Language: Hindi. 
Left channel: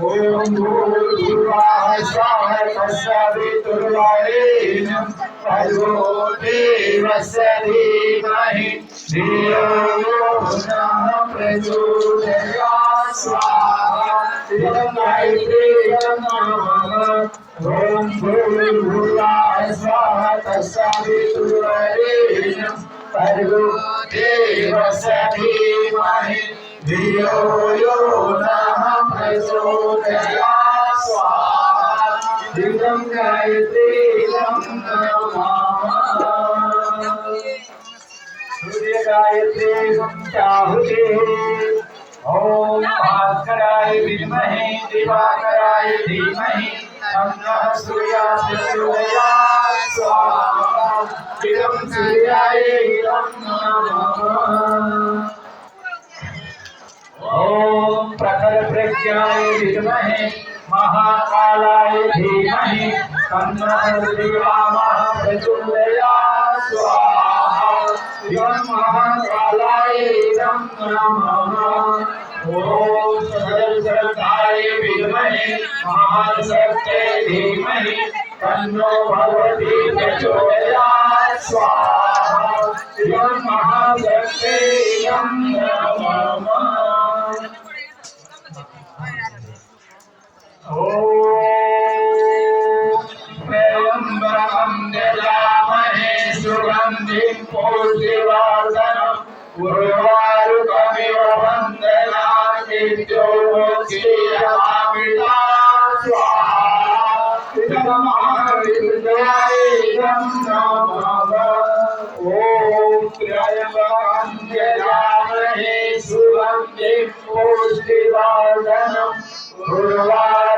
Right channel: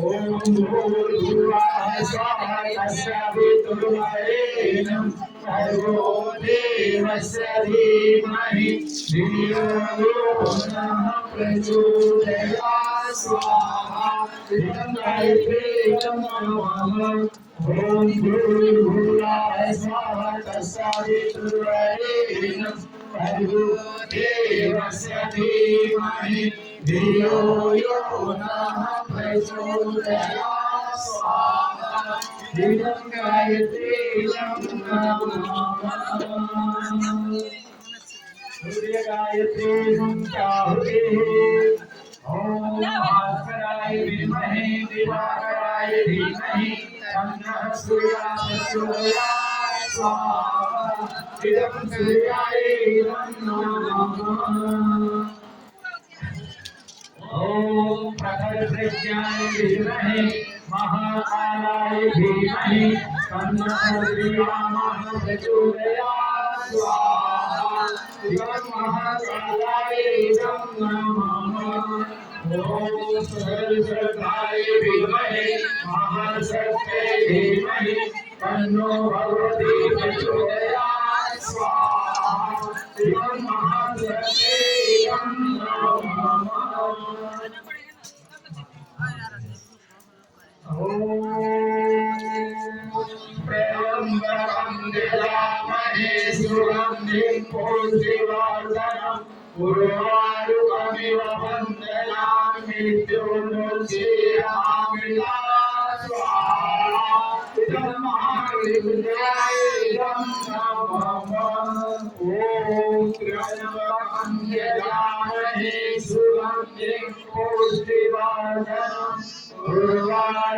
ओम भूर्भुवः स्वः तत्सवितुर्वरेण्यं भर्गो देवस्य धीमहि धियो यो नः प्रचोदयात् स्वाहा इदं गायत्रीं नमः ओम भूर्भुवः स्वः तत्सवितुर्वरेण्यं भर्गो देवस्य धीमहि धियो यो नः प्रचोदयात् स्वाहा इदं गायत्रीं नमः सूर्य गायत्री संचाहुते ओम भास्कराय विद्महे दिवाकराय धीमहि तन्नः सूर्यः प्रचोदयात् स्वाहा इदं सूर्याय नमः ओम प्रखर प्रज्ञाय विद्महे महाकालाय धीमहि तन्नः श्रीरामः प्रचोदयात् स्वाहा इदं महाकालाय नमः ओम सर्वशक्ताय विद्महे महाशक्ते धीमहि तन्नो भगवती प्रचोदयात् स्वाहा इदं महाशक्ते नमः त्र्यम्बकं यजामहे सुगन्धिं पुष्टिवर्धनम् उर्वारुकमिव वन्दनामि मृत्योर्मुक्षीयमामृतात् स्वाहा इदं महाविद्याय नमः ॐ त्र्यम्बकं यजामहे सुगन्धिं पुष्टिवर्धनम् उर्वारुकमिव